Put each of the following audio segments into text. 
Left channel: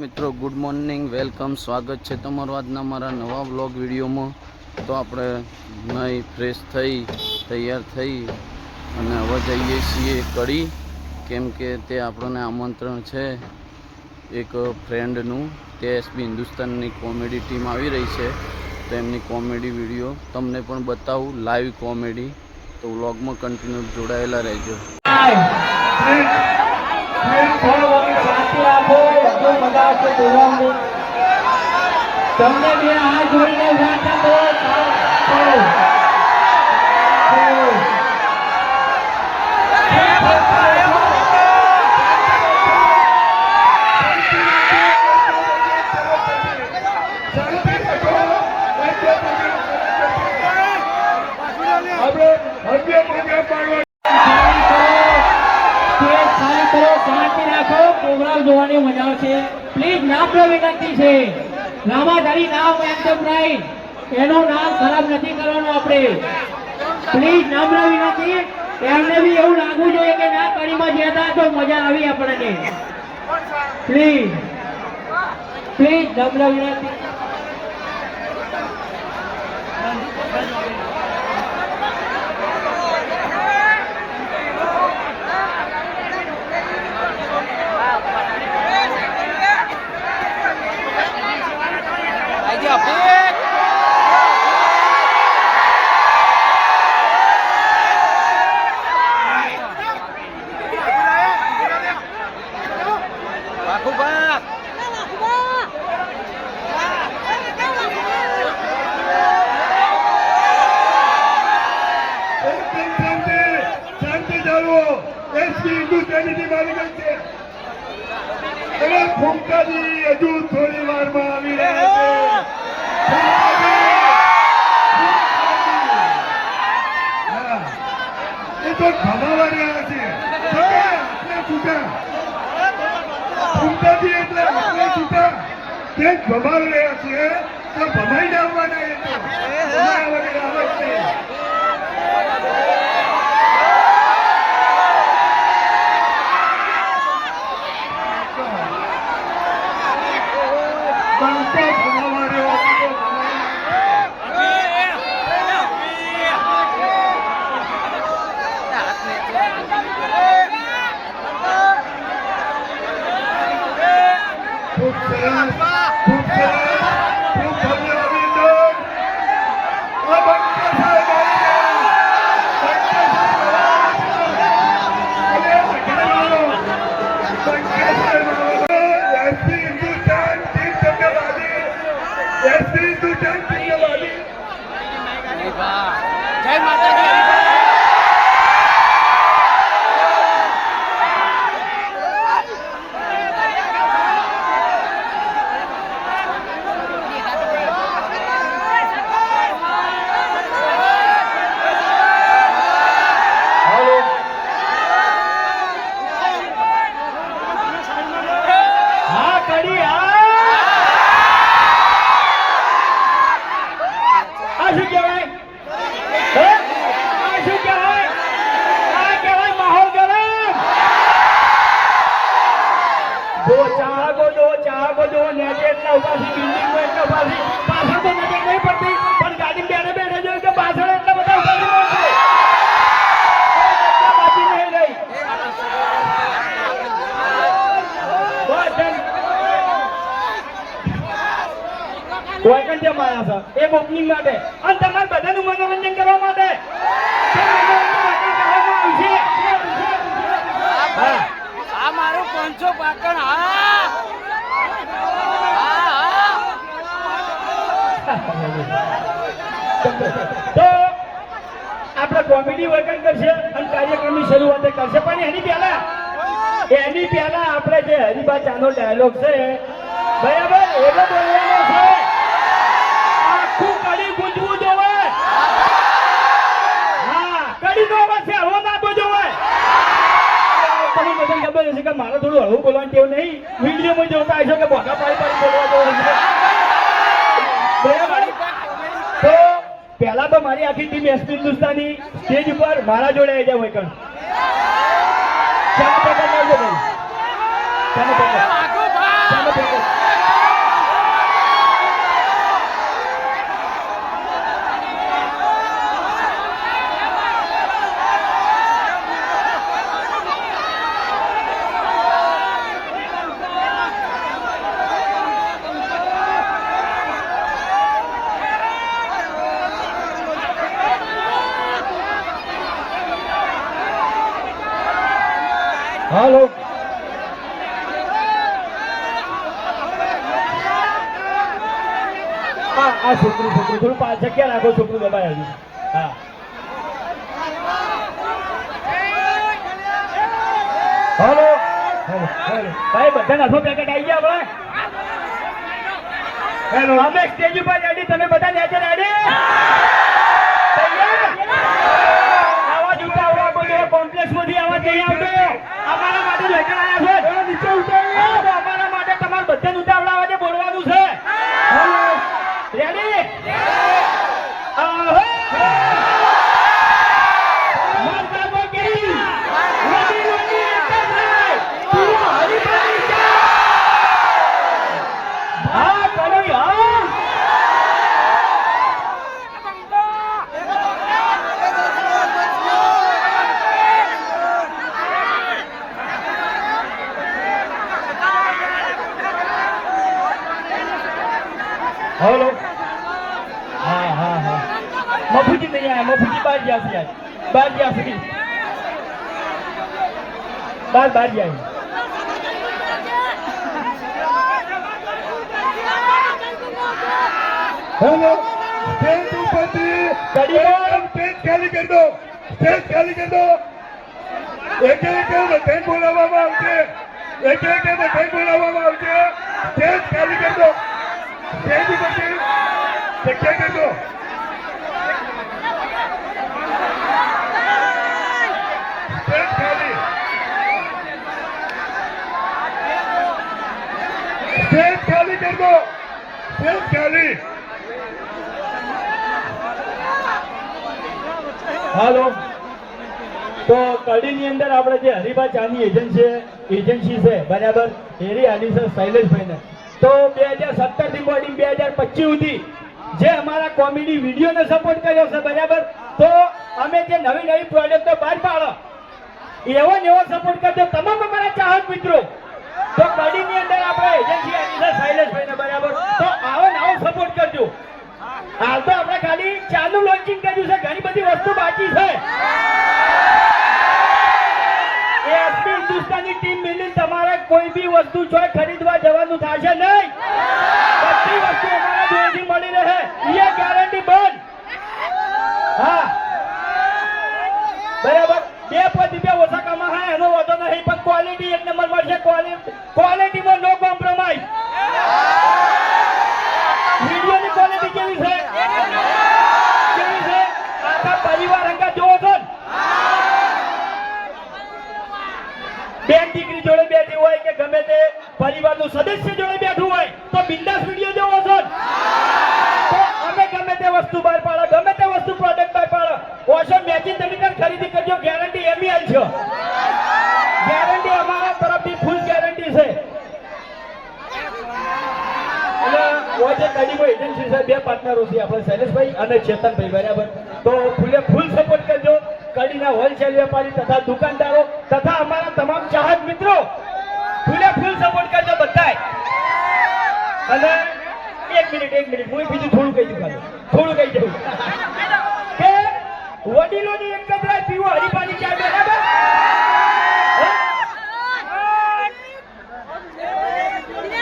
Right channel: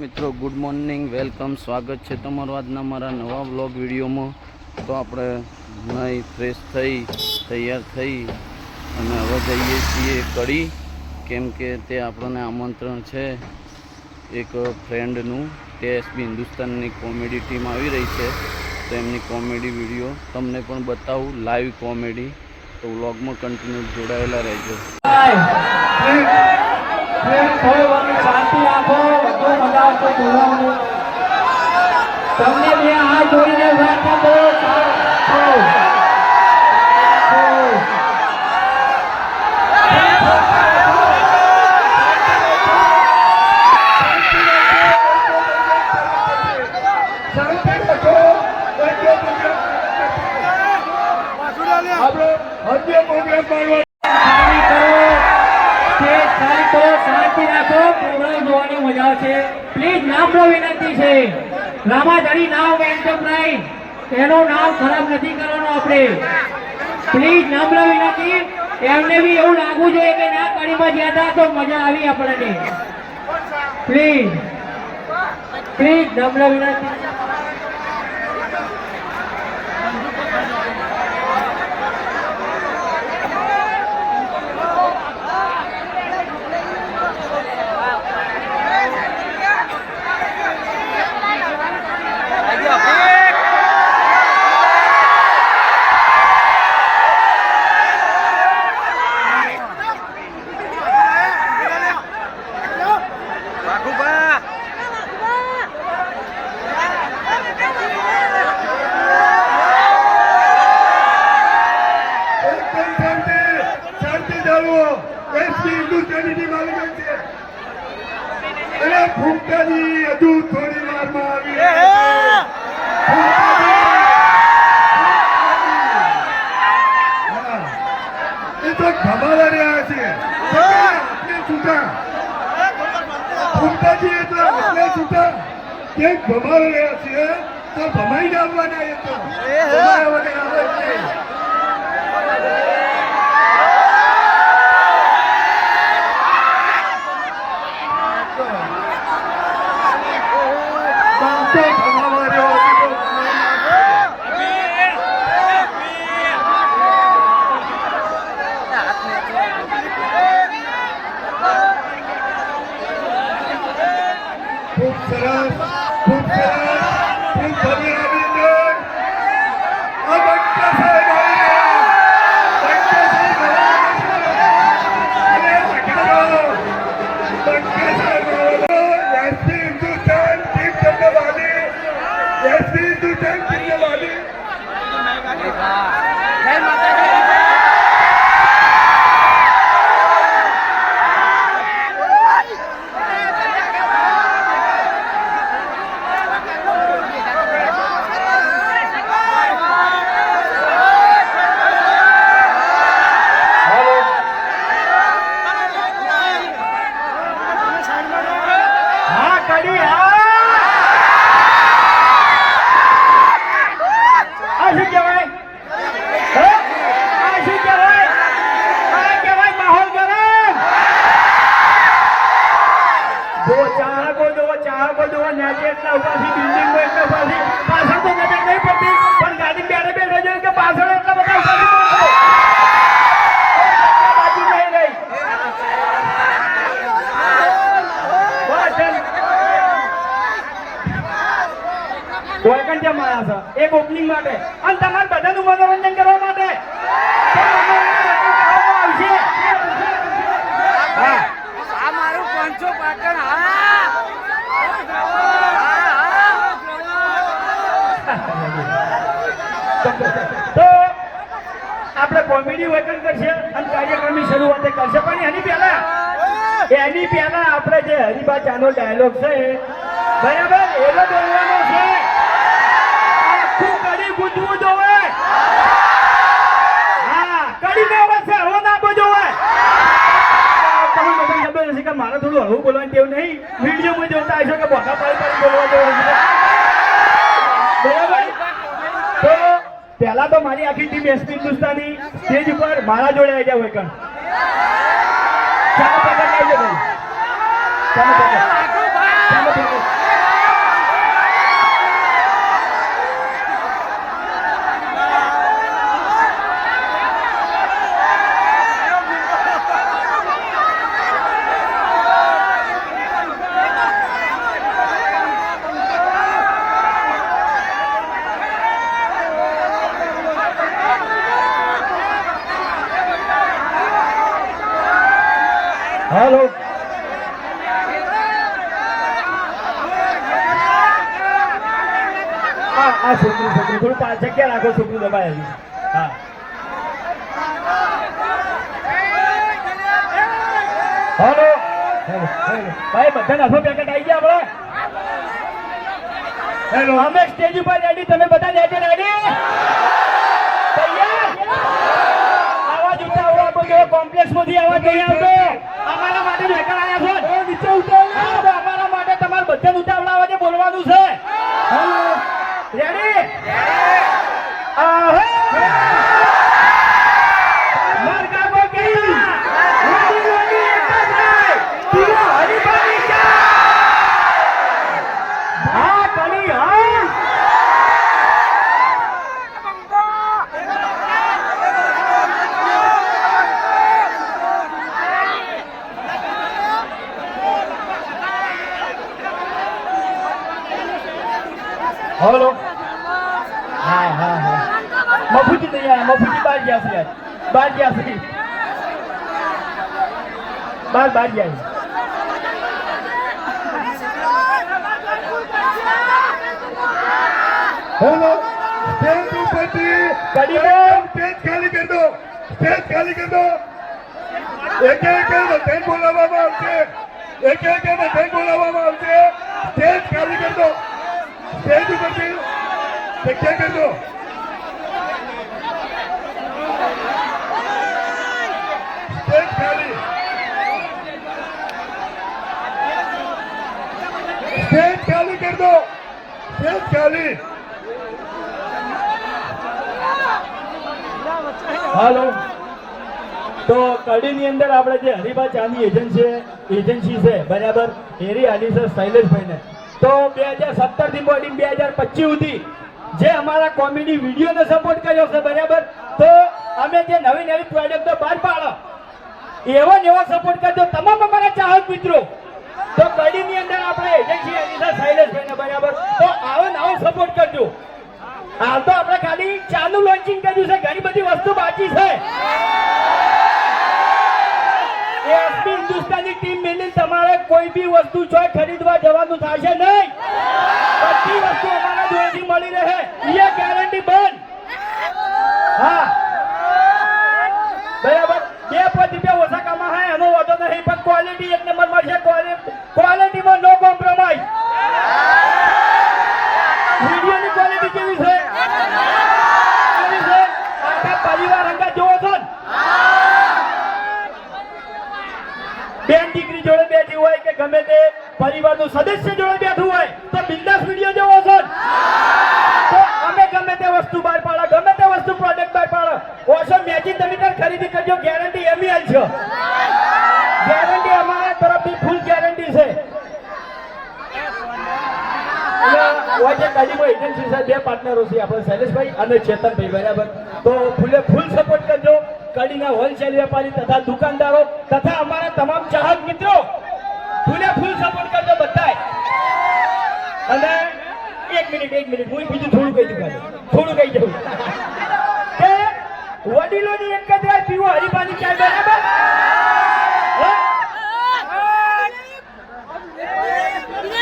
મિત્રો good morning welcome સ્વાગત છે તમારું આજના મારા નવા વ્લોગ વિડીયોમાં. તો આપણે નહીં ફ્રેશ થઈ, તૈયાર થઈ અને હવે જઈએ છીએ કડી. કેમ કે તે આપણને આમંત્રણ છે એક ફ્રેન્ડનું તે એસબી હિન્દુસ્તાનની કોમેડી ટીમ આવી રહી છે. તો એમની કોમેડી વીડિયો તમને પણ બતાવું. લાઈવ કોમેડી તો વ્લોગમાં કન્ટિન્યુ જોડાયેલા રહેજો. શાંતિ રાખો બધું મજા આવશે બોલવાનું તમને બે હાથ જોડીને પ્રાર્થના કરો સારું. સારું. સારું. ખાલી જોવાની મજા આવશે પ્લીઝ નામનો વિનંતી છે. રામાધારી નામ એન્ટરપ્રાઇઝ એનું નામ ખરાબ નથી કરવાનું આપણે. પ્લીઝ નમ્ર વિનંતી. એમને બી એવું લાગવું જોઈએ કે ના કડીમાં હતા તો મજા આવી આપણને. પ્લીઝ પ્લીઝ નમ્ર વિનંતી. Yeah, boy. છૂટા. ફૂંકાજી એટલે એટલે છૂટા. ભમાવી રહ્યા છે તો ભમાઈને આવવાના એ તો. ભમાયા વગર જ નહીં બનતો ભમાવા રહ્યો હતો તો ભમાઈ ખૂબ સરસ ખૂબ સરસ ખૂબ ભવ્ય અભિનંદન આ બંકા સાહેબ આવી ગયા. બંકા સાહેબ આવ્યા છે. અને વટાવો. બંકા સાહેબ આવ્યા છે. એસપી હિન્દુસ્તાન ટીમ તમને વાલી એસપી હિન્દુસ્તાન ટીમને વાલી જય માતાજી હા કડી હા આ શું કહેવાય હે? આ શું કહેવાય આ કહેવાય માહોલ ગરમ જો ચાહકો જો ચાહકો જો નેચે એટલા ઉપાસી બિલ્ડિંગ એટલા ઉપાસી પાછળ તો નજર નહીં પડતી પણ ગાડી બેઠે બેઠે જોયું કે પાછળ એટલા બધા ઉપાસી પડશે બાકી નહીં રહી બસ એમ. કોઈ પણ જેમ આવ્યા છે એક ઓપનિંગ માટે અને તમારે બધાનું મનોરંજન કરવા માટે તો મનોરંજન કરવામાં આવશે હા. આ મારું પાંચસો પાટણ હા હા હા તો આપણે કોમેડી વચન કરશે અને કાર્યક્રમની શરૂઆત કરશે. પણ એની પહેલા એની પહેલા આપણે જે હરિભા ચાનો ડાયલોગ છે બરાબર? એવો બોલવાનો છે. આખું કડી ગુંજવું જોવે. હા કડી નો છે હળવો ના આપવો જોવે. તમને બધાને ખબર હશે કે મારે થોડું હળવું બોલવાનું કેવું નહીં. વિડીયોમાં જોતા હશો કે બોધા પાડી પાડી બોલવા જવાનું છે બરાબર તો પહેલા તો મારી આખી ટીમ એસપી હિન્દુસ્તાની સ્ટેજ ઉપર મારા જોડે આવી જાય વૈકણ ચાલો પકડ આવજો ભાઈ ચાલો પકડ આ આ છોકરું છોકરું થોડું પાંચ જગ્યા રાખો છોકરું દબાય હજી હા હાલો હાલો, હાલો. ભાઈ બધા નાથો પેકેટ આવી ગયા આપણે. હેલો અમે સ્ટેજ ઉપર રેડી તમે બધા લેજે રેડી આવાજ ઉઠાવો આપણો કોમ્પ્લેક્સમાંથી આવાજ નહીં આવતો. અમારા માટે લેકર આવ્યા છે નીચે ઉતારો. અમારા માટે તમારે બધા ઉતાવળા અવાજે બોલવાનું છે. બહાર બહાર જાય. બોલો સેતુપતિ કડીબેન પેજ ખાલી કરી દો પેજ ખાલી કરી દો. એક એક બધાને બોલાવવામાં આવશે. એક એક બધાને બોલાવવામાં આવશે. પેજ ખાલી કરી દો. સેતુપતિ જગ્યા કરી દો હાલો. તો કડીની અંદર આપણે જે હરિભા ચાની એજન્સી એજન્સી છે, બરાબર? એરી આની છે શૈલેષભાઈને. તો બે હજાર સત્તરથી બોડી બે હજાર પચીસ સુધી જે અમારા કોમેડી વિડીયોને સપોર્ટ કર્યો છે, બરાબર? તો અમે જે નવી નવી પ્રોજેક્ટો બહાર પાડો, એવો ને એવો સપોર્ટ કરજો. તમામ અમારા ચાહક મિત્રો. તો કડીની અંદર તો આવો આવો સપોર્ટ કરજો. હાલ તો આપણે ખાલી ચાનું લોન્ચિંગ કર્યું છે. ઘણી બધી વસ્તુ બાકી છે. એસપી હિન્દુસ્તાની ટીમ મિલી તમારે કોઈ બી વસ્તુ ચોય ખરીદવા જવાનું થશે નહીં. બધી વસ્તુ મળી રહે. એ ગેરંટી બંધ. હા બરાબર બે પાંચ રૂપિયા ઓછા કમાય એનો વાંધો નહીં, પણ ક્વોલિટી એક નંબર મળશે. ક્વોલિટીમાં નો કોમ્પ્રોમાઇઝ વિડીયોની ક્વોલિટી કેવી છે? કેવી પરિવાર અંગા જોવો છો બેન દીકરી જોડે બેઠી હોય કે ગમે તે પરિવારનું સદસ્ય જોડે બેઠું હોય, તો બિંદાસ વીડિયો જોવો છો? અમે ગમે તે વસ્તુ બહાર પાડો, ગમે તે વસ્તુ પ્રોડક્ટ બહાર પાડો. ઓછો મેચિંગ તરીકે ખરીદી કરજો ગેરંટી એમએલ છે ગેરંટી અમારા તરફથી ફૂલ ગેરંટી છે અને હોય છે ગાડીમાં પાર્ટનરો છે, આપણે શૈલેષભાઈ અને ચેતનભાઈ, બરાબર. તો ફૂલે સપોર્ટ કરજો. કડીના હોલસેલ વેપારી તથા દુકાનદારો તથા અમારા તમામ ચાહક મિત્રો, ફૂલે ફૂલ સપોર્ટ કરજો બધાય. અને એક મિનિટ એક મિનિટ બીજું થોડું કહી દઉં. થોડું કહી દઉં. કે વડીલોની એક જ રાય, પીવો હરીફાની ચાય, બરાબર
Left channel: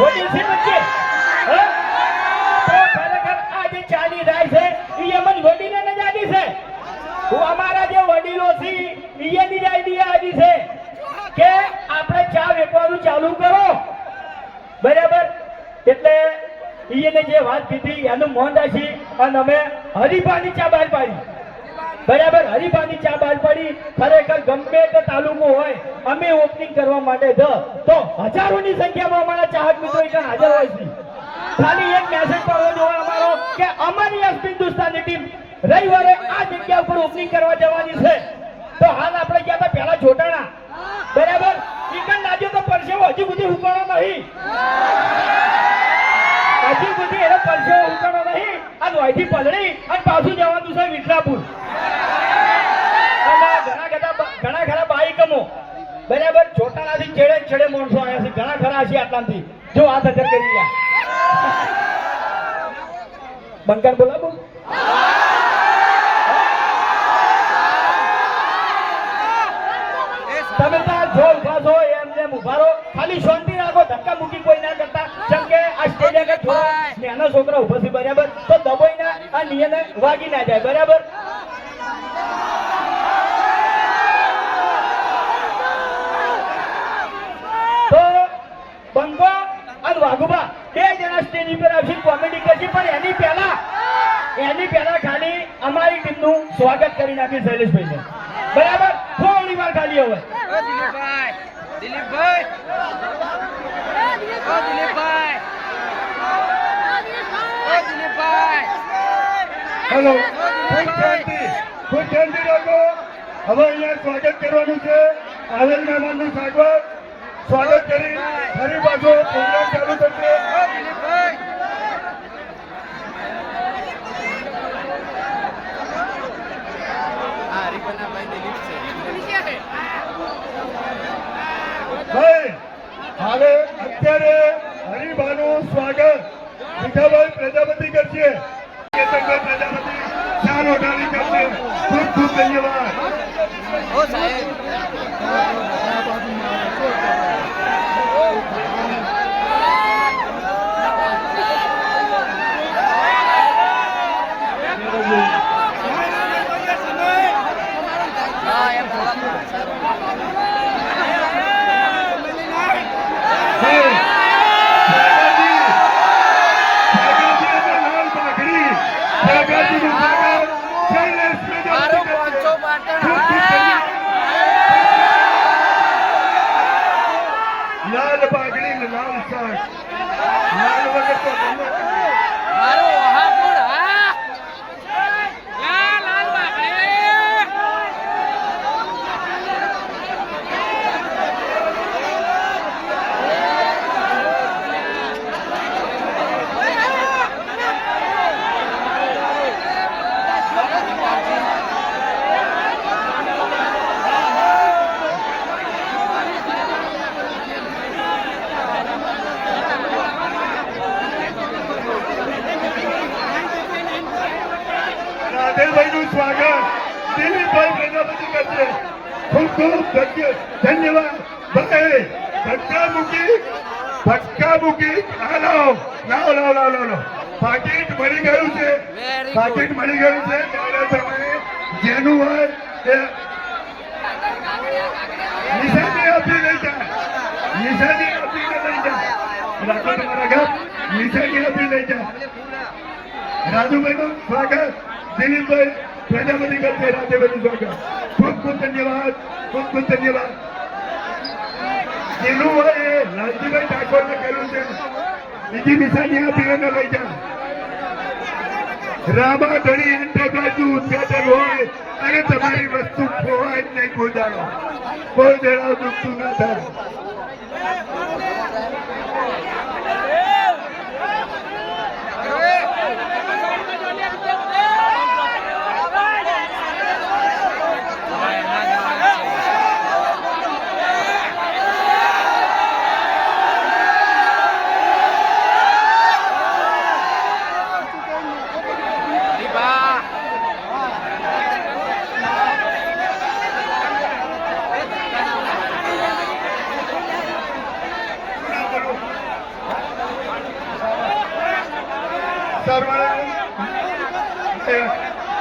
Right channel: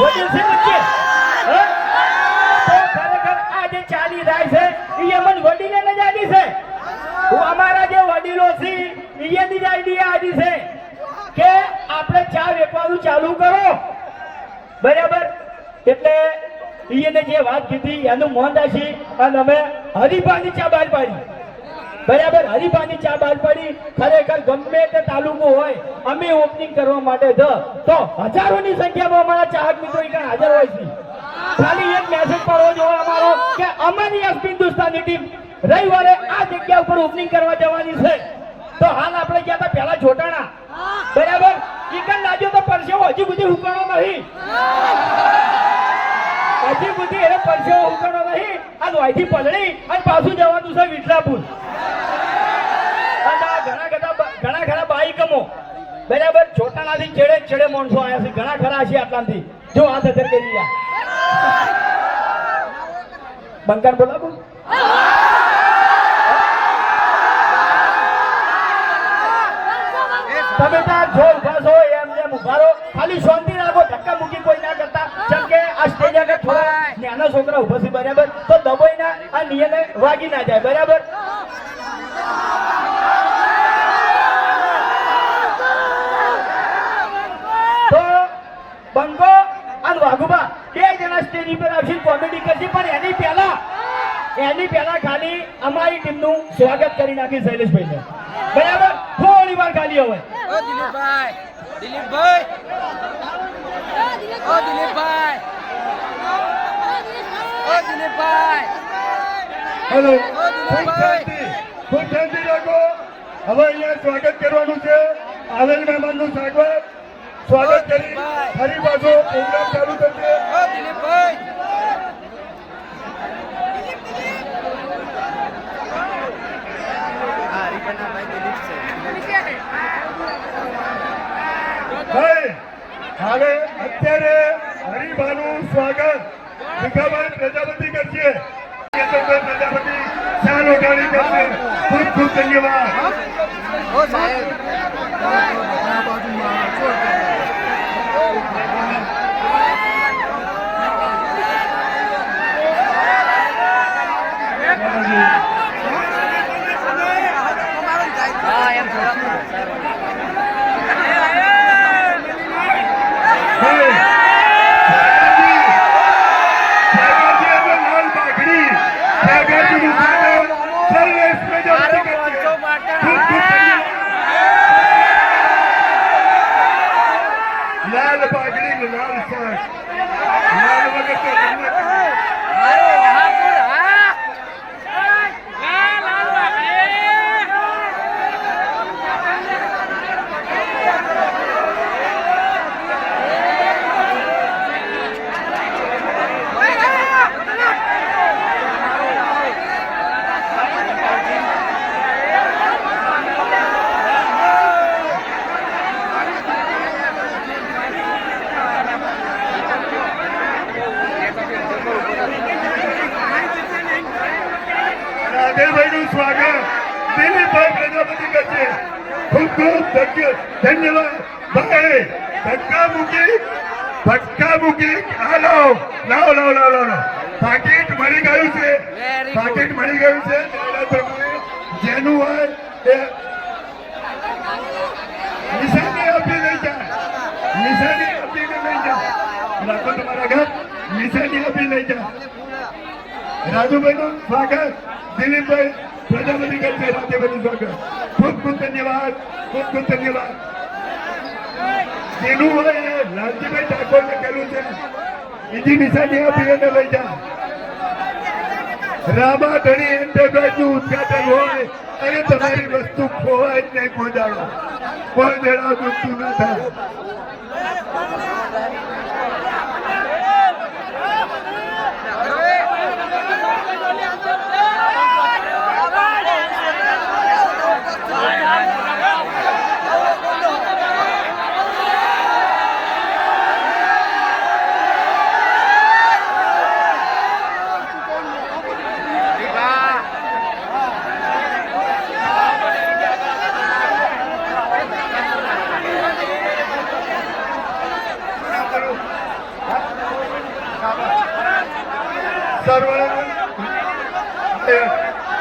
વચ્ચે હે? તો ખરેખર આ જે ચાની રાય છે ઈ એમ જ વડીલોને જ આદી છે હું અમારા જે વડીલો છે ઈએની જ આઈડિયા આદી છે કે આપણે ચા વેચવાનું ચાલુ કરો બરાબર? એટલે ઈએને જે વાત કીધી, એનું મોન રાખી અને અમે હરિભાની ચા બહાર પાડી. બરાબર? હરિભાની ચા બહાર પાડી. ખરેખર ગમે તે તાલુકો હોય, અમે ઓપનિંગ કરવા માટે જ. તો હજારોની સંખ્યામાં અમારા ચાહક મિત્રો અહીંયા હાજર હોય છે. ખાલી એક મેસેજ પડવો જોઈએ અમારો કે અમારી એસ હિન્દુસ્તાની ટીમ રવિવારે આ જગ્યા ઉપર ઓપનિંગ કરવા જવાની છે. તો હાલ આપણે ગયા હતા પહેલા જોટાણા બરાબર? ઈકન લાગ્યો તો પરસેવો હજી સુધી ઉકાળો નહીં. હજી સુધી એનો પરસેવો ઉકાળો નહીં. આ લોહીથી પલળી અને પાછું જવાનું છે વિઠલાપુર ઘણા બધા ઘણા બાઈકમો. બરાબર ચોટાલાથી છેડે છેડે માણસો આવ્યા છે. ઘણા ખરા છે આટલાથી જો આ સજર કરી રહ્યા. બંકાર બોલાવો તમે ના આ વાગી ના જાય, બરાબર? તો બંગો અને વાઘુબા બે જણા સ્ટેજ ઉપર આવશે કોમેડી કરશે, પણ એની પહેલા એની પહેલા ખાલી અમારી ટીમનું સ્વાગત કરી નાખ્યું શૈલેષભાઈને. બરાબર? થોડી વાર ખાલી હવે. દિલીપભાઈ દિલીપભાઈ. દિલીપભાઈ. દિલીપભાઈ. હેલો ઓ દિલીપભાઈ ખૂબ શાંતિ રાખો. હવે અહીંયા સ્વાગત કરવાનું છે. આવેલ મહેમાનનું સ્વાગત. સ્વાગત કરી ફરી પાછો પ્રોગ્રામ ચાલુ થશે. ભાઈ, હવે અત્યારે સ્વાગત. પ્રજાપતિ કરશે. શાલ ઓઢાડી કરશે ખૂબ ખૂબ ધન્યવાદ ઓ સાહેબ હા એમ થોડા સારું ભાઈ, સાગરજી, સાગરજી અને લાલ પાઘડી, સાગરજીનું સ્વાગત શૈલેષ પ્રજાપતિ મારો કરશે. પાંચસો પાટણ ખૂબ ખૂબ હા ધન્યવાદ. લાલ પાઘડી ને લાલ શાક લાલ વગર તો જન્નત નહીં. મારો વહાપુર હા રાધેરભાઈનું સ્વાગત દિલીપભાઈ પ્રજાપતિ ખૂબ ખૂબ ધન્યવાદ. ભાઈ ધક્કા મૂકી ધક્કા મૂકી. હાલો લાવો લાવો લાવો લાવો પાકીટ મળી ગયું છે. પાકીટ મળી ગયું છે. જેનું હોય એ નિશાની આપી લઈ જાય નિશાની આપી લઈ જાય રાખો તમારા ઘર. નિશાની આપી લઈ જાય રાજુભાઈનું સ્વાગત. દિલીપભાઈ પ્રજાપતિ કરશે રાજુભાઈનું સ્વાગત. ખૂબ ખૂબ ધન્યવાદ, ખૂબ ખૂબ ધન્યવાદ. જેનું હોય એ લાલજીભાઈ ઠાકોરને કર્યું છે, બીજી નિશાની આપી અને લઈ જા. રામા ધણી એન્ટરપ્રાઇઝનું ઉદઘાટન હોય, અને તમારી વસ્તુ ખોવાય નહીં ખોદાડો કોઈ દેડા દુખતું ના થાય હરિભા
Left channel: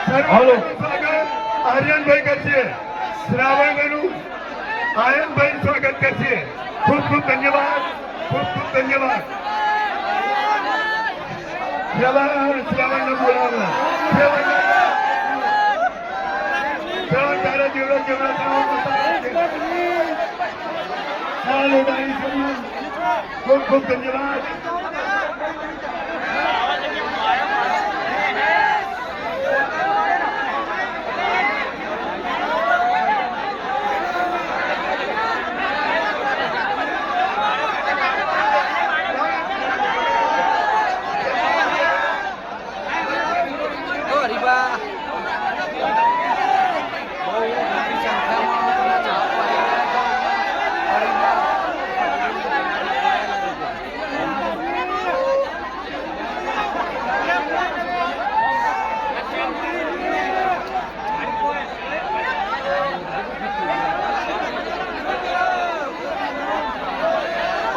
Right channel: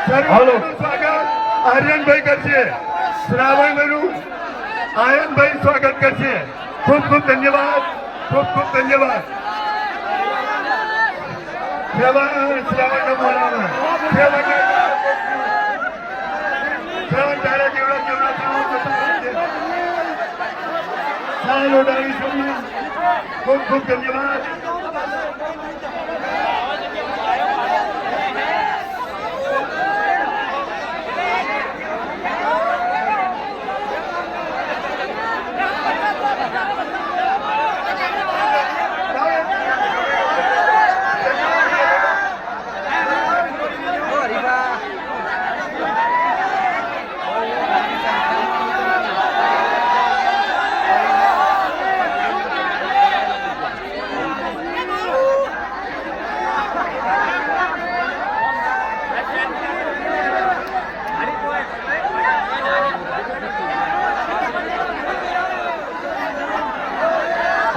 સર્વનું સ્વાગત આર્યનભાઈ કરશે શ્રાવણભાઈનું આયનભાઈ સ્વાગત કરશે. ખૂબ ખૂબ ધન્યવાદ. ખૂબ ખૂબ ધન્યવાદ. ખૂબ ખૂબ બોલાવો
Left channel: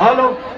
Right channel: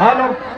ألو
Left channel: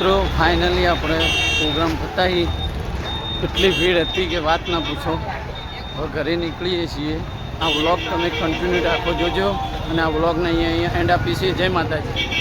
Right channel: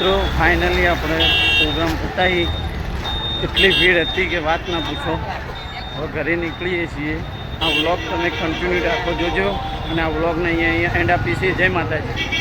મિત્રો ફાઇનલી આપણે પ્રોગ્રામ પતાવી એટલી ભીડ હતી કે વાત ના પૂછો. હવે ઘરે નીકળીએ છીએ. આ વ્લોગ તમે કન્ટિન્યુ રાખો જોજો. અને આ વ્લોગને અહીંયા અહીંયા એન્ડ આપીએ છીએ. જય માતાજી.